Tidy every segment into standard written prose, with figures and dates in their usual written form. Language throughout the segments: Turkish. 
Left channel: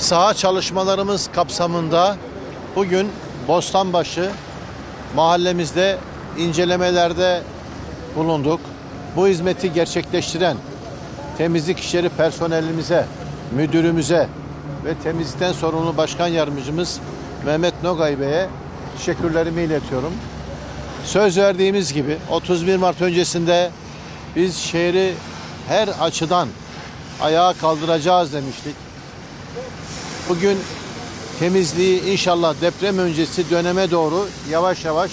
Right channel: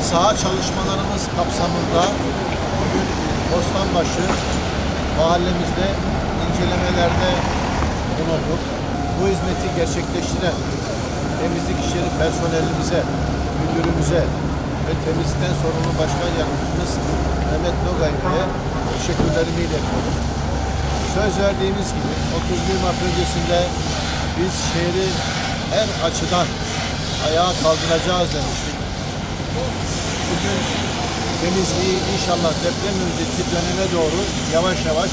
Saha çalışmalarımız kapsamında bugün Bostanbaşı mahallemizde incelemelerde bulunduk. Bu hizmeti gerçekleştiren temizlik işleri personelimize, müdürümüze ve temizlikten sorumlu başkan yardımcımız Mehmet Nogay Bey'e teşekkürlerimi iletiyorum. Söz verdiğimiz gibi 31 Mart öncesinde biz şehri her açıdan ayağa kaldıracağız demiştik. Bugün temizliği inşallah deprem öncesi döneme doğru yavaş yavaş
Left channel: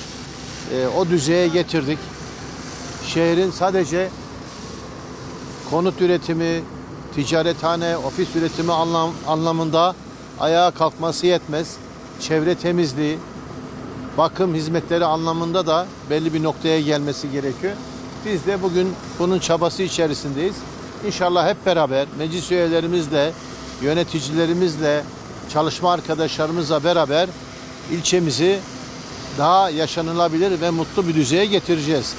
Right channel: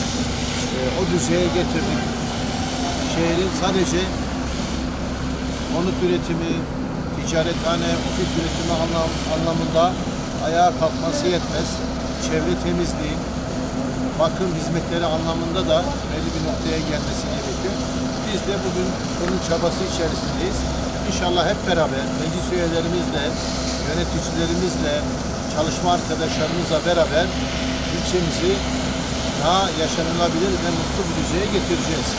o düzeye getirdik. Şehrin sadece konut üretimi, ticarethane, ofis üretimi anlamında ayağa kalkması yetmez. Çevre temizliği, bakım hizmetleri anlamında da belli bir noktaya gelmesi gerekiyor. Biz de bugün bunun çabası içerisindeyiz. İnşallah hep beraber meclis üyelerimizle, yöneticilerimizle, çalışma arkadaşlarımızla beraber ilçemizi daha yaşanılabilir ve mutlu bir düzeye getireceğiz.